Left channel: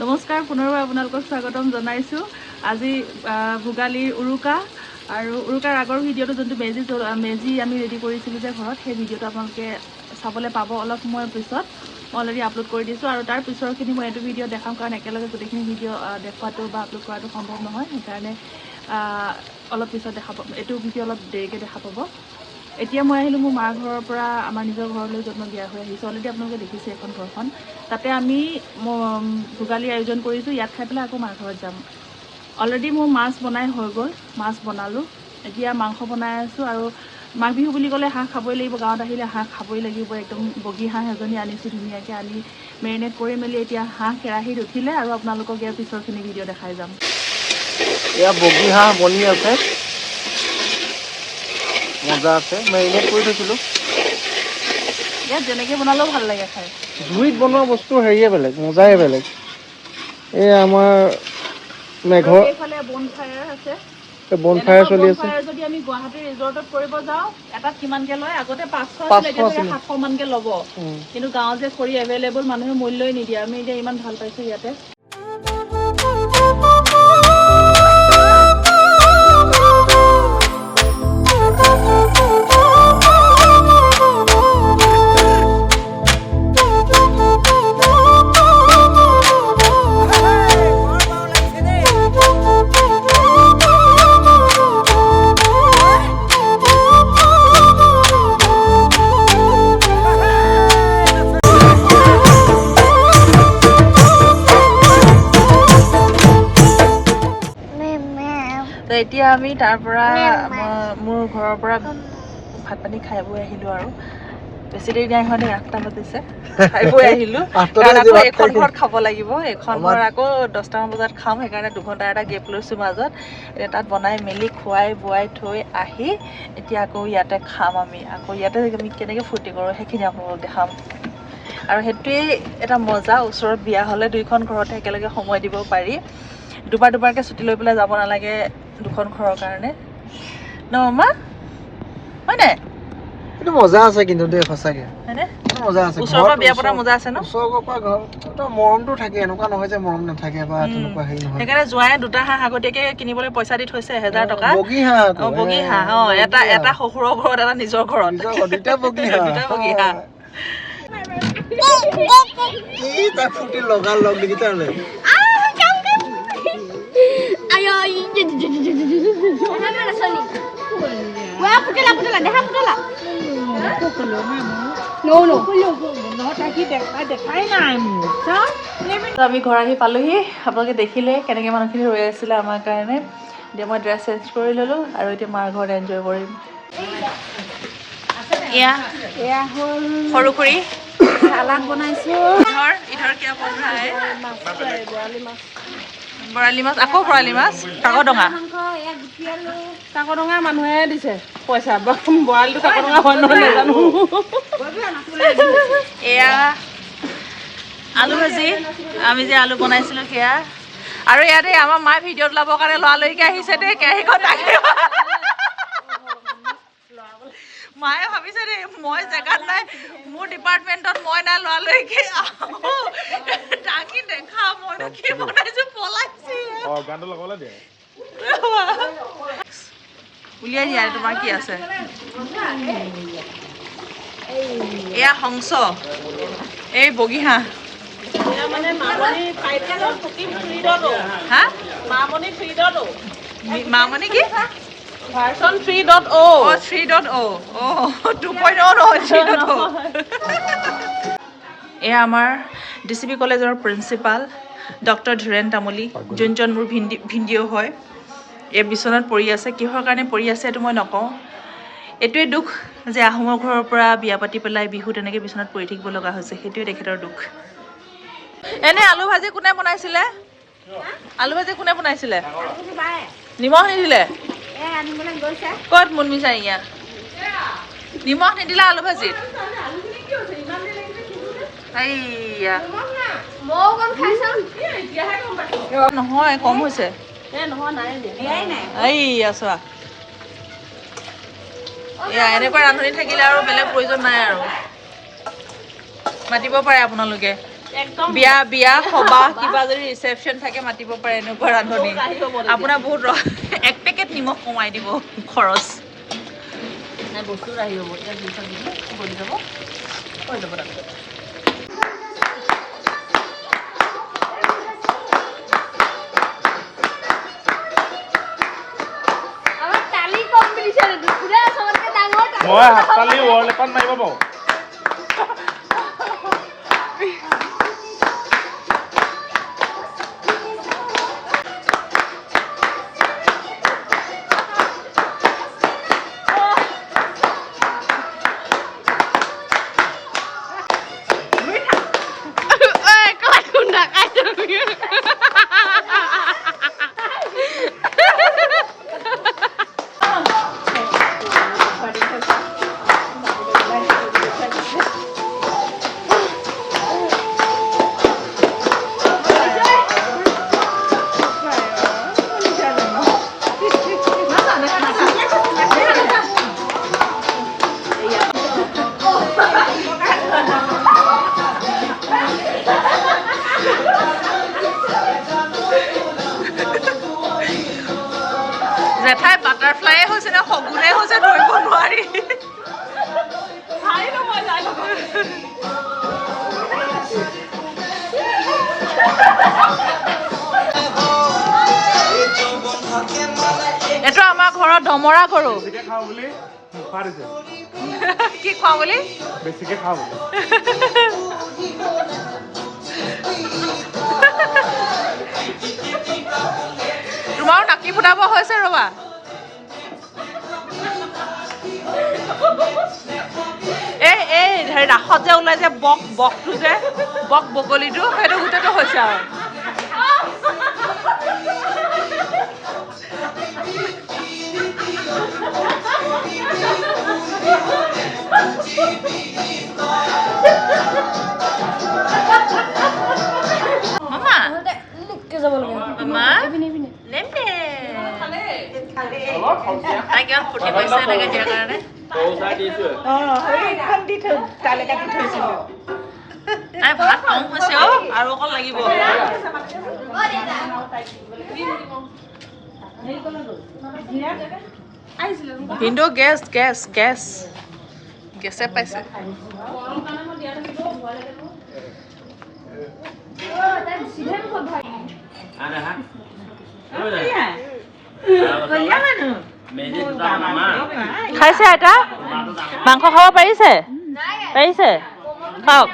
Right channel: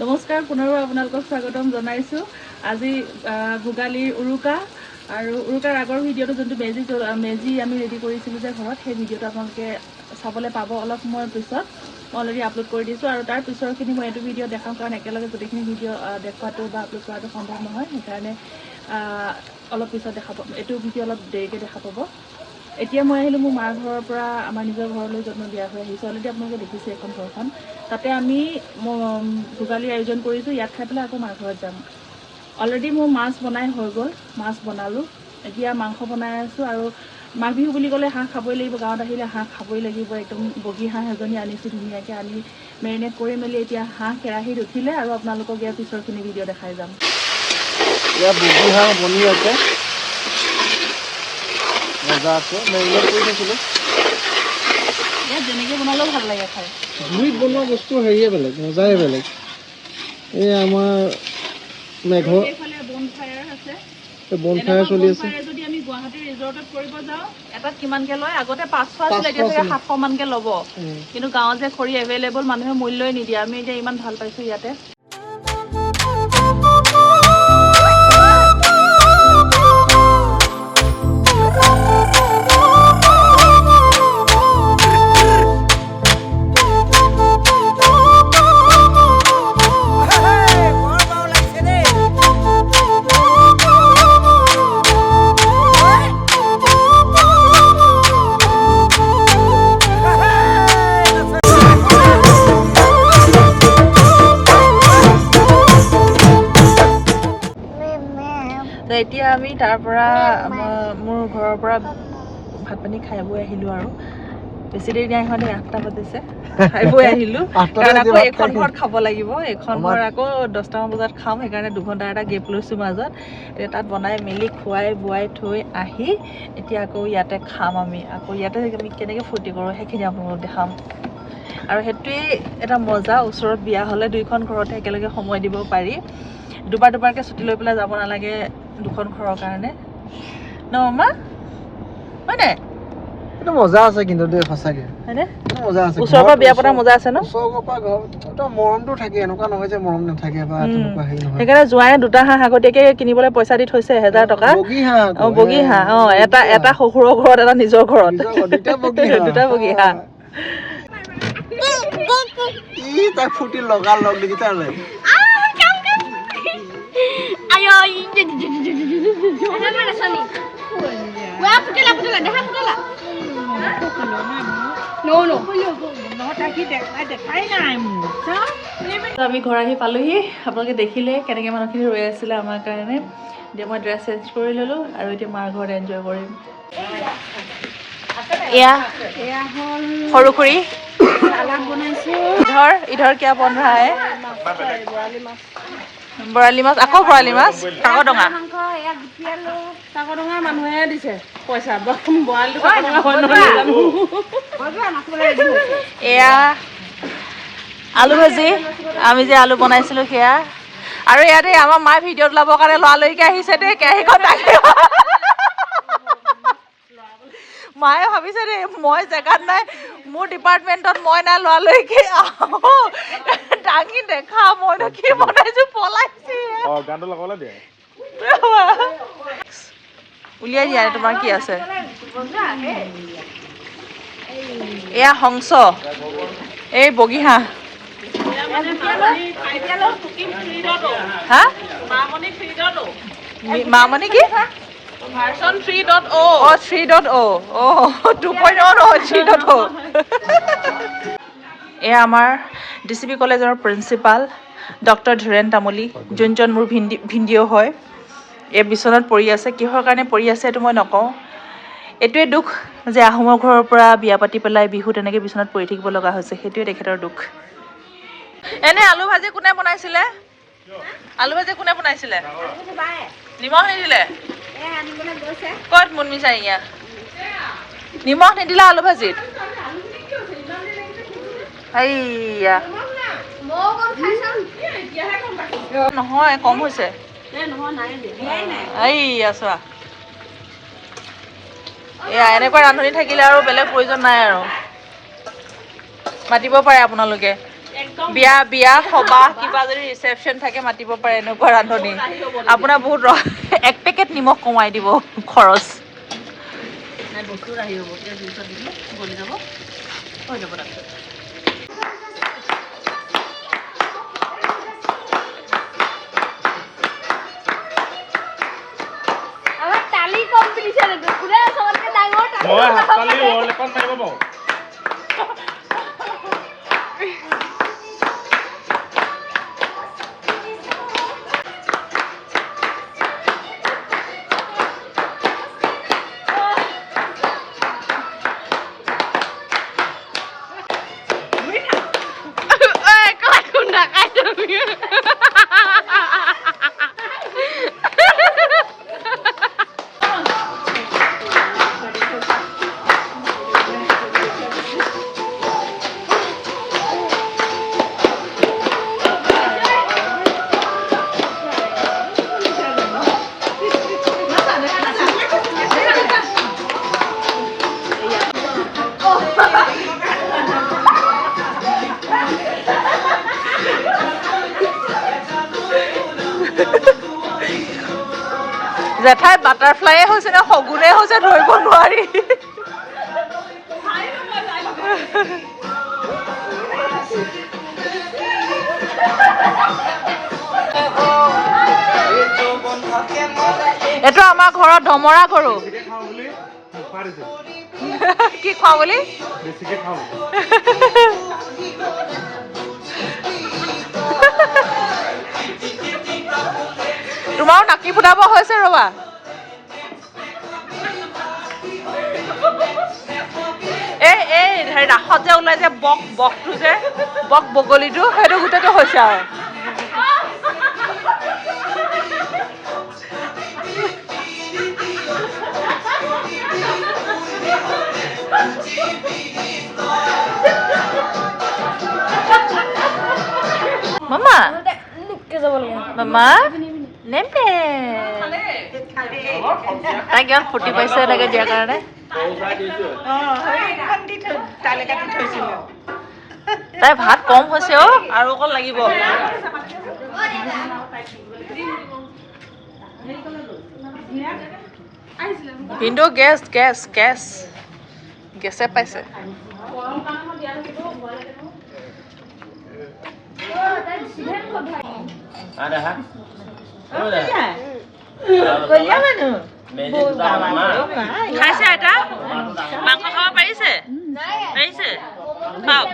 নমস্কাৰ, পুনৰবাৰ আপোনালোকক স্বাগতম জনাইছোঁ। আজি ভোগালীৰ উৰুকা আৰু উৰুকাৰ আগৰ ভিডিঅ'টো যোনটো মেজি আমি ৰেডি কৰিছিলোঁ যে ঘৰত, সেই ভিডিঅ'টো আপোনালোকে চাবলৈ পাব অলপ সময়ৰ পিছত। মই অলৰেডি আপলোড কৰি দিছোঁ আৰু তাৰ পিছৰখিনি মই এইটো ভিডিঅ' দেখাম, কাৰণ একেলগে গোটেইখিনি ভিডিঅ' দেখুৱাটো বা আপলোড কৰাটো সম্ভৱ নহয়। সেইকাৰণে অলপ পিছত দেখা পাব, এইটো ভিডিঅ' অলপ দেৰিকৈ দেখা পাব। এতিয়া মই আহিলোঁ মোৰ মাৰ ঘৰৰ পৰা আমাৰ নিজৰ ঘৰলৈ য'ত মই বিয়া হৈ আহিছোঁ। অলৰেডি আপোনালোকে দেখিছে এখন ঘৰখন। তাতে আমি ভোগালীৰ আয়োজন কৰিছোঁ। ইয়াত খাই পেলাই আকৌ মাৰ ঘৰত যাম। অলৰেডি মোৰ মাছ বনাই হৈ গ'ল, মাছ বনালোঁ। এতিয়া মাংস বনাই আছোঁ আৰু মাঘ বিহু বুলি ক'লে হাঁহ খাবই লাগিব। গাঁৱত আহিলে হাঁহ খাবই লাগিব। একদম বগী হাঁহ এজনী আনিছোঁ ধুনীয়াকৈ, আনি মেৰিনেট কৰি মেলি এতিয়া হাঁহ কেৰাহীত উঠিলে আৰু আপোনালোকক ইয়াৰ পিছৰখিনি ভিডিঅ' দেখাই যাম। এয়া বগী হাঁহ বনি আছে, মজা আছে, মেৰিনেট কৰি থৈছিলোঁ। ইয়াত যেনেকৈ বনালেও ভাল লাগে খাই। জুইত বনোৱা বস্তু হেৰিয়ে বেলেগ, মজাই বেলেগ। এই আমাৰ মেঘৰ বনফায়াৰ আছে, বনফায়াৰ চলি আছে। যদি আমি গুৱাহাটী ৰিজৰ্টত কৰিব যাওঁ, এটাত কিমানকে লয়? আগতে 500 আছিলে, এতিয়া 700 মানকে ল'ব। কিন্তু গাঁৱত যে খৰি এভেইলেবল, মানুহে মূল্যই নিদিয়ে। আমি এতিয়া ইমান ভাল পাইছোঁ ইয়াতে। এতিয়া আমি তাৰ পৰা মোৰ ঘৰৰ পৰা ভাত পানী খাই বৈ আহিলোঁ আৰু বেছি দেৰি নাই হোৱা, 8টা বাজিছে, খাই বৈ আহিলোঁ। কাৰণ আকৌ এইখন ঘৰত খাব লাগিব, এইখন ঘৰ আকৌ 10টামান বজাত খাম। সেইকাৰণে 2 ঘণ্টা এটা গেপ লৈছোঁ মাজত। এতিয়া তাত বনাই মেলি খুৱাই বোৱাই থৈ আহি এতিয়া আকৌ ইয়াতে খাম। আমি আকৌ ইয়াতে আমি কেনেকৈ ফূৰ্তি কৰোঁ সেইখিনি আপোনালোকক দেখাম। আৰু সেইটোৱেই এটা মজা। ওচৰত বিয়া হ'লে 2খন ঘৰতে একেলগে সময় দিব পাৰি। দুবাৰকৈ ছুটি লৈ পেলাই যাব নালাগে 2খন ঘৰৰ কাৰণে, ন মামা? হয়নে? এইটো মজা আছে কিন্তু দেই, সঁচাকে হয়নে? মজা আছে। ওচৰৰ পৰা বিয়া পতা মজা আছে ন? ওচৰৰ পৰা ঘৰ মৰমটো থাকে, এনেকুৱা নহয় যে মৰম নাথাকে বা তেনেকুৱা হেৰি নহয়। সেইকাৰণে জোঁৱাই 2টা হাঁহ আগতীয়াকৈ কিনিবলৈ পইচা দি থৈছে 1000 টকা। বগী হাঁহ, বগী হাঁহ, এটা শহুৰৰ ঘৰত, এটা নিজৰ ঘৰত, 2টা বগী হাঁহ। বগী হাঁহ। এই তাক ফুটি লগাল লগ দেখিছা নাই? আমি ঘৰ আহি পালোহি। আপোনালোকে দেখিলে কেনেকৈ মানুহখিনি ৰৈ আছিলে আমাৰ কাৰণে। এতিয়া মই ড্ৰেছ চেঞ্জ কৰি ল'লোঁ আৰু এতিয়া মাৰ ঘৰত এনজয় কৰিম। এয়া হ'ল সৰু খুৰী চালাড বনাইছোঁ। ইধৰ কিয় বন ৰহা হে? বৰালি মাছ, আকৌ বৰালি মাছ, কাকডঙা। কাকডঙা মানুহে দিছে পইচা, বৰালিটো কাকডঙা হয় নহয় নাজানো। এয়া আলু ভাজি, আমি যে আলু বনাইছিলোঁ সেয়া। আৰু ইয়াতে আমাৰ মায়ে ভিডিঅ'ত ওলাবৰ কাৰণে লৰালৰিকৈ আহিছে দেই, কেৰাহীখন দাঙি। মায়ে ভাবিছে দেই মই জেগাত নাই, মোৰ ডিপাৰ্টমেণ্টত মই নাই, লৰালৰিকৈ দাঙি দেখা মইতো কি বনাইছোঁ, পলাইছি। উলিয়াই দিয়া, তোমাৰ কি আছে? এয়া হংস, এই বগী হাঁহ। হা? মামনি কি? ভাৰ্চন 3.0। অ' 3.0, অ' 2.0 নহয়, 3.0। এয়া আমাৰ DCP কলেজৰ প্ৰিন্সিপাল ডক্টৰ ধীৰেণ তামুলী, যোনজন মোৰ ভিনদেউ হয়। এই বিচনাত পৰি আছে। কিহৰ কাৰণে পৰি আছে এইটো মই নকওঁ। এইটোৱে দুখ যে আহোমৰ ঘৰৰ পৰা বিয়া পাতি পেলাই বিহু তেনেকৈ বিচনাত পৰি থাকিব লগা হৈছে, সেইটোৱে তেখেতৰ দুখ। এনে আলু ভাজি কোনে বনাইছিলে? আলু ভাজি কোনে বনাইছিলে? নিমখ নিদিলে? ক'ত মুনমি চাৰিঙীয়া? নিমখ নিদিলে আলু ভাজিত? এইয়া নহয়, কম হৈছে। এইয়া চোৱা, এয়া এনেকুৱা ৰান্ধনি থাকিলে আৰু বেলেগ প্ৰয়োজন নাই আৰু। মাতিব পাৰে আপোনালোকে। বিয়া বিয়া সবাহ কিবা যদি ৰিচেপশ্যন থাকে মাতিব পাৰে এনেকুৱা ৰান্ধনি আপোনাৰ বহুত এক পেকেট নিমখ কমাই দিব খৰচ মই হাততালি ৱৰ্ল্ড ৰেকৰ্ড মাৰিব পাৰোঁ জেঠাই বাটাৰফ্লাইয়ে হৈছে নে শগুনে হৈছে ধৰিব নোৱাৰি এইটো আমাৰ ঘৰত ধমৰা কৰো কি খোৱা বুলি বেছিকে খাওঁ তোমাৰো নাকি ফুটাব হৈছে ৰবা এই ৰাসত যে ওলাই যে বকটো যে বগলীটো সেইটো গোটেইটো হৈছে আৰু মামা মামা নেমে তাই কিমান ফূৰ্তি পাইছে এনেকে দিয়াৰ কাৰণে তাই ভাত কম হৈছে অ আৰু অকণ লাগিব কিন্তু গেছে পাইছে খাইছে আইতা মাংস খাব পাৰিছে খাওক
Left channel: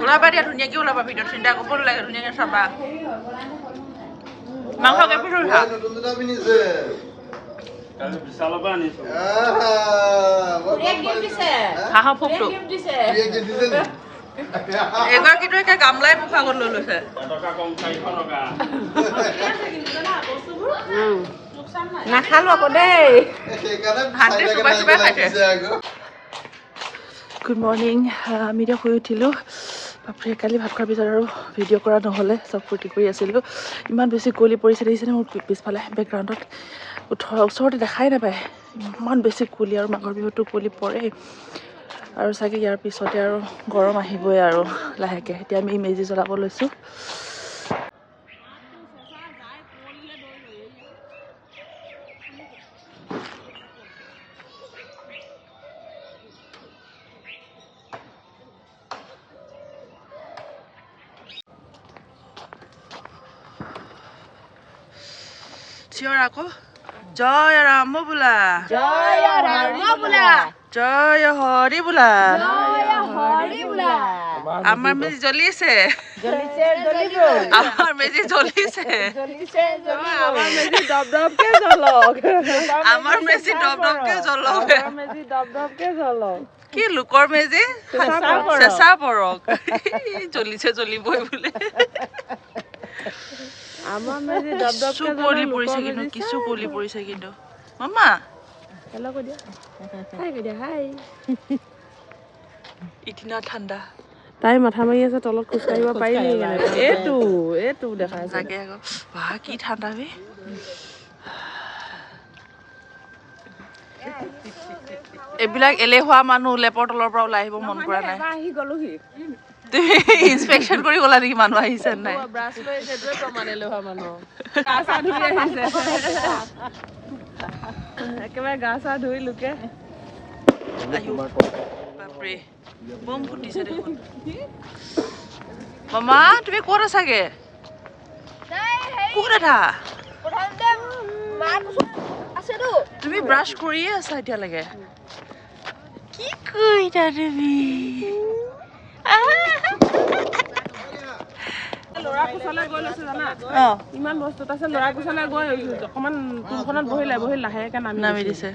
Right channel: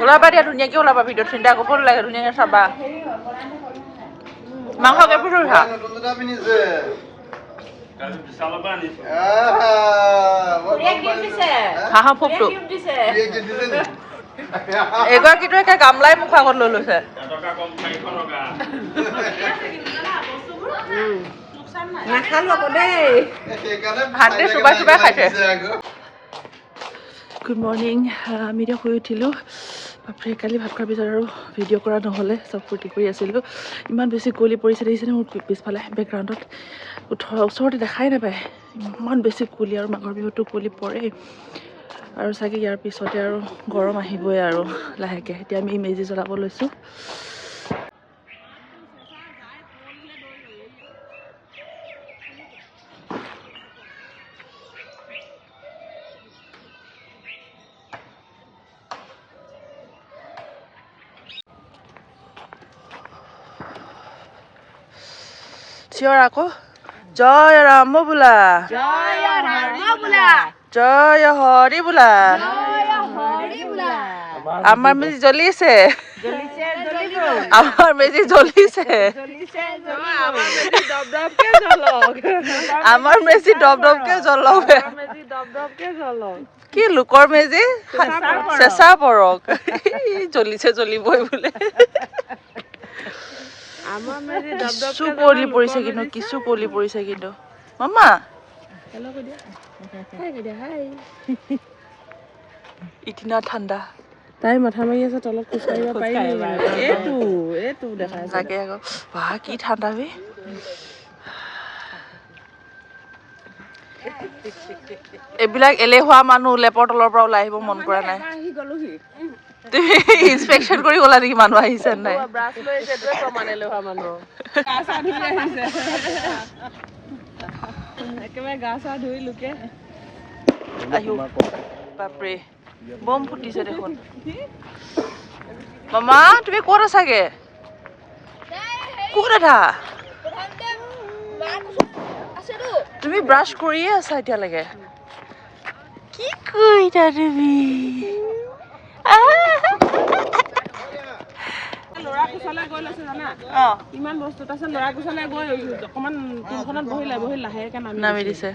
ওলাবা দিয়া ধুনীয়াকে ওলাবা ভিডিঅ'ত চিন্তা কৰিব নালাগে ধুনীয়াকে চাবা মাংস কেইপিচ উঠা হাঁহৰ ফুপটো এগৰাকীটো একে গামলাই মুখৰ আগত লৈ লৈছে নাখালো আকৌ দেই হাতে চুবাই খাইছে গুড মৰ্ণিং আমি এতিয়া শুই উঠিলোঁ বাপৰে কালি ভাত খোৱাৰ পিছত আৰু ভিডিঅ' কৰা নহ'লে চব ফূৰ্তি কৰি আছিলোঁ ইমান বেছি কুঁৱলী পৰিছে দেখিছেনে মোৰ পিছফালে বেকগ্ৰাউণ্ডত ওচৰতে দেখাই নাপায় ইমান বেছি কুঁৱলী আৰু মাঘৰ বিহুতো কুঁৱলী পৰে আৰু চাগে ইয়াৰ পিছতে আৰু গৰম আহিবই আৰু লাহেকৈ এতিয়া আমি মেজি জ্বলাব লৈছোঁ চিঞৰ আকৌ জয় ৰাম বোলা জয় হৰি বোলা আমাৰ মেজি জ্বলিছে আমাৰ মেজি জ্বলিছে আমাৰ মেজি দপদপকে জ্বলক কি লোকৰ মেজি চেঁচা পৰক জ্বলিছে জ্বলিবই বোলে কিছু কুঁৱলী পৰিছে কিন্তু মামা ইদিনা ঠাণ্ডা তাই মাথা মাৰি আছে তলত খোজকাঢ়িব পাৰি এইটো দেখা আছে তাকে আকৌ বাহ কি ঠাণ্ডা বে এইবিলাক এলেহুৱা মানুহ লেপৰ তলৰ পৰা ওলাই আহিব মন কৰা নাই আহি গলোহি ইনস্পেকশ্যন কৰি গলা নেকি মানুহ আহিছে নাই একেবাৰে গা চা ধুই লোকে বাপৰে বম ফুটিছে দেখোন মামা তুমি ক'ত আছাগে ক'ত আছা তুমি ব্ৰাছ কৰিয়ে আছা এতিয়ালৈকে কি কৰিছা তুমি ল'ৰা কোচলে গৈ লৈছে জানা ইমান বস্তু তাৰপিছত ল'ৰা কোচলে গৈ অকণমান টুলখনত বহি লাহেকে নামি দিছে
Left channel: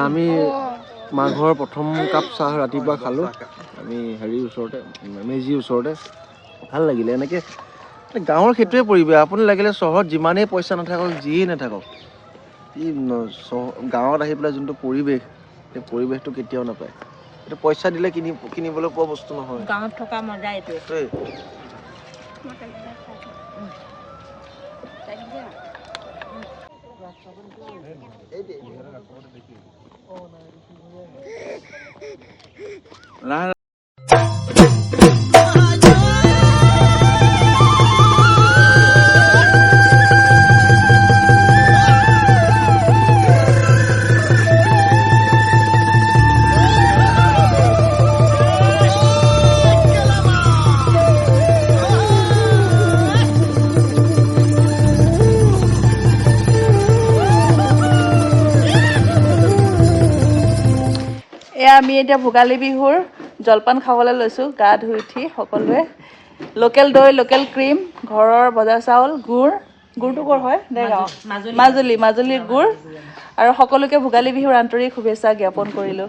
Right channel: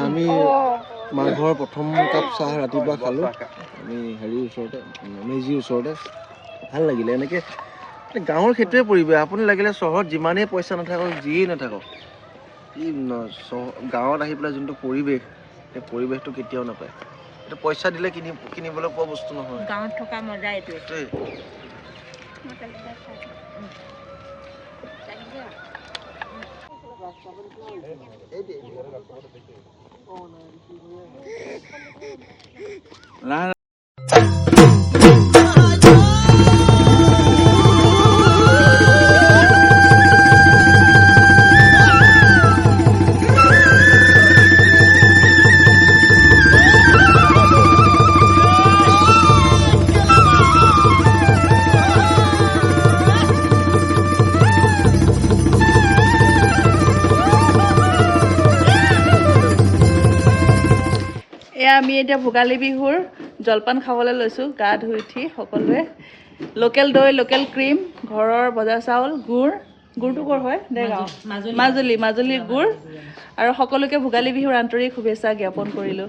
আমি মাঘৰ প্ৰথম কাপ চাহ ৰাতিপুৱা খালোঁ আমি হেৰিৰ ওচৰতে মেজিৰ ওচৰতে ভাল লাগিলে এনেকৈ গাঁৱৰ সেইটোৱে পৰিৱেশ আপুনি লাগিলে চহৰত যিমানেই পইচা নাথাকক যিয়েই নাথাকক কি গাঁৱত আহি পেলাই যোনটো পৰিৱেশ সেই পৰিৱেশটো কেতিয়াও নাপায় এইটো পইচা দিলে কিনিবলৈ পোৱা বস্তু নহয় গাঁৱত থকা মজা এইটোৱে এয়া আমি এতিয়া ভোগালী বিহুৰ জলপান খাবলৈ লৈছোঁ গা ধুই উঠি সকলোৱে লোকেল দৈ লোকেল ক্ৰীম ঘৰৰ বজাৰ চাউল গুড়টো ক'ৰ হয় দেগাঁও মাজুলীৰ গুড় আৰু সকলোকে ভোগালী বিহুৰ আন্তৰিক শুভেচ্ছা জ্ঞাপন কৰিলোঁ